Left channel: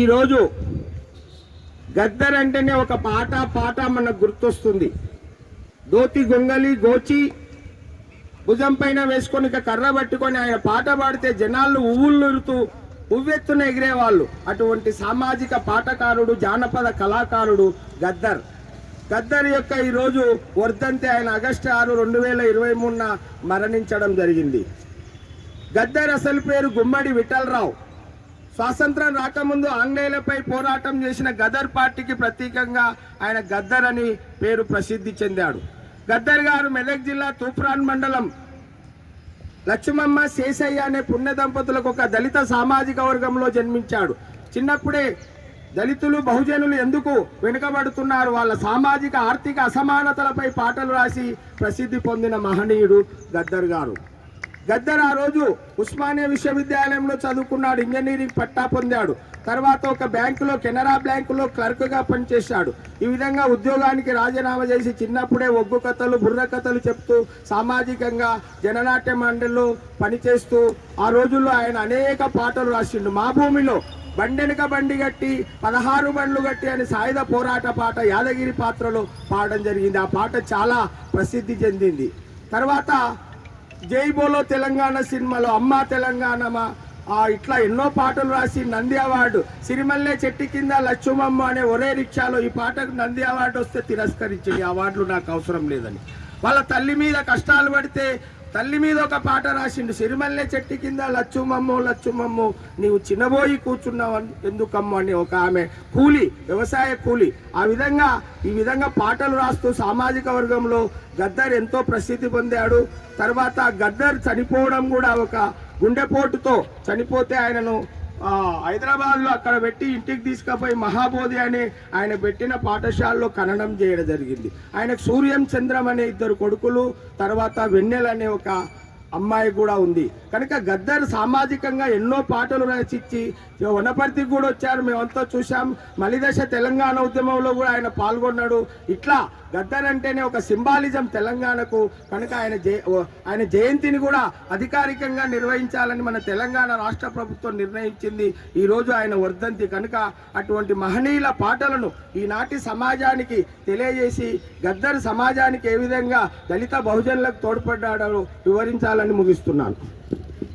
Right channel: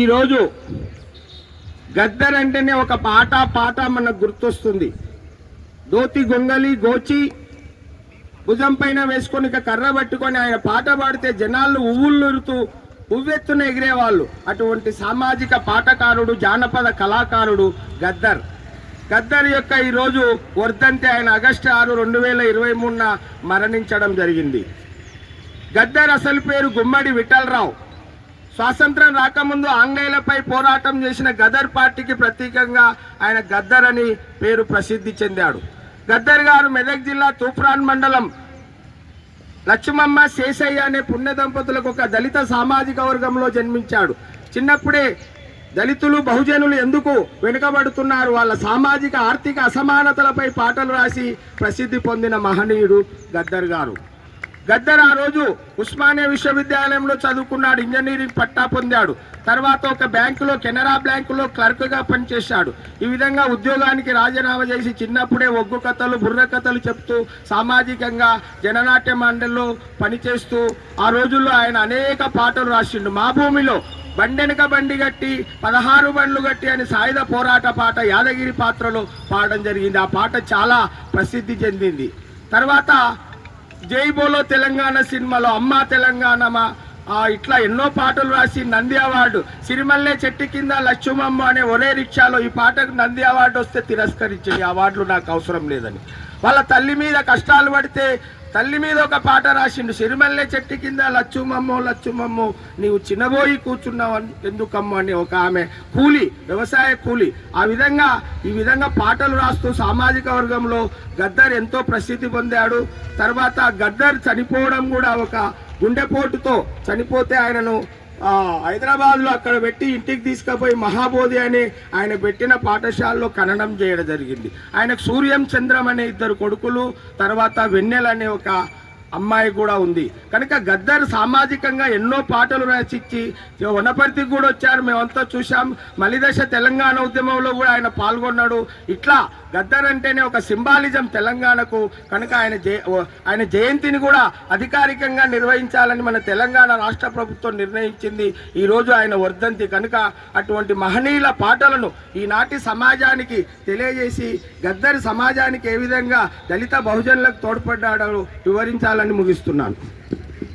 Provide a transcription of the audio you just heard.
ఈరోజు గద్దర్ అంటేనే ఒక పాట మనకు గుర్తొస్తుంది. దోతి గొంగలి గోచి భుజం పైన వేసుకొని కర్ర పట్టుకొని ఆయన పాట పాడితే జనాలు ఉవ్వులురుతూ ఉవ్వెత్తున ఎగిరేవాళ్ళు. అటువంటి సామాజిక పాటకారుడు, జానపద కళాకారుడు గద్దర్. గద్దర్ యొక్క ఈరోజు వర్ధంతి. ఆయన ఆగస్టు 6, 2023 మరణించడం జరిగింది. గద్దర్ అసలు పేరు గుమ్మడి విఠలరావు. స్వాతంత్రం రాకముందు ఆంగ్లేయులపై పోరాటం చేసిన గదర్ పార్టీకి ప్రతీకంగా ఆయన గద్దర్ అని పేరు ప్రసిద్ధి చెందాడు. గద్దర్ గారు మెదక్ జిల్లా తూప్రాన్ మండలం లక్ష్మమ్మ శేషయ్య అనే పుణ్య దంపతులకు ఒక దళిత సామాజిక వర్గంలో జన్మించాడు. చిన్నప్పుడే దళితులు బహుజనులు ఎందుకు వెనుకబడుతున్నారు, వాళ్ళ సామాజిక ఆర్థిక అసమానతలపై పాటలు రాసి ప్రసిద్ధి పొందిన మహనీయుడు గద్దర్ గారు. గద్దర్ ఆ రోజు ఉస్మానియా విశ్వవిద్యాలయంలో చదువుకున్నాడు, ఇంజనీరింగ్ పట్టా పొందాడు. తర్వాత ఒక బ్యాంకులో, కెనరా బ్యాంకులో క్లర్క్గా పనిచేశాడు. ఈ విధంగా ఉద్యోగానికి రాజీనామా చేసి చిన్నప్పుడే ఒగ్గు కథలు, బుర్ర కథలు చెప్తూ సామాజికంగా జననాట్య మండలిలో పనిచేస్తూ ఆ రోజుల్లో ఆయన అనేక పాటలు రాసిండు. మా భూమిలో బండెనక బండి గట్టి 16 బండ్లు గట్టి అని సాయుధ పోరాట పాట యాదగిరి పాత్రలో పాడడం జరిగింది. ఆ పాట చాలా ప్రసిద్ధి చెందింది. తర్వాత జై బోలో తెలంగాణ సినిమాలో అమ్మా తెలంగాణమా ఇట్లా ఎన్నో పాటలు రాసి నంది అవార్డు, సిరిమల్లె చెట్టు కింద లక్ష్మమ్మ అనే ఒరే రిక్షాలో ఈ పాటకు నంది అవార్డు వస్తే తిరస్కరించింది. అవార్డులు నాకు అవసరం లేదని. వాళ్ళ తల్లి మీద కష్టాలు పడితే తల్లి మీద ఒక పాట రాసిండు. సిరిమల్లె చెట్టు కింద లచ్చుమమ్మో లచ్చుమమ్మో నీవు చిన్నబోయి కూర్చున్నావు ఎందుకమ్మో అని ఒక ఆమె కూలి, వ్యవసాయ కూలి. ఈ విధంగా పాటలు రాస్తూ సామాజిక వర్గంలో గద్దర్ ఎంతో ప్రసిద్ధి పొందాడు. తర్వాత గద్దర్ చనిపోవడం కూడా ఒక గుండెపోటుతో చనిపోతే ఆయనను హైదరాబాద్లో అక్కడ పెట్టి ఇంటికి తీసుకుపోయి మహాబోధి అనే ఆయన పెట్టిన పాఠశాలలో ఖననం చేయడం జరిగింది. ఆయనకు సూర్యం చంద్రం అనే 2 కొడుకులు, తర్వాత వెన్నెల అనే ఒక అమ్మాయి కూడా ఉంది. కనుక గద్దర్ సామాజికంగా ఎన్నో పాటలు రచించి వనపర్తికి కూడా వచ్చారు, మేమంతా చూసాం. మలిదశ తెలంగాణ ఉద్యమంలో కూడా ఆయన పాల్గొన్నాడు. ఇట్లా గద్దర్ అంటేనే ఒక సింబాలిజం తెలంగాణకు. కనుక ఆయన జయంతిని కూడా అధికారికంగా నిర్వహించాలని మన తెలంగాణ రాష్ట్ర ప్రభుత్వం నిర్ణయించింది. ఈరోజు ఆయన వర్ధంతి కనుక అటువంటి మహనీయుల పాటలను ఈనాటి సమాజానికి తెలియజేసి గద్దర్ సమాజానికి ఏ విధంగా దళిత బహుజనులకు తోడ్పడ్డాడో వివరించాలని ముగిస్తున్నాను.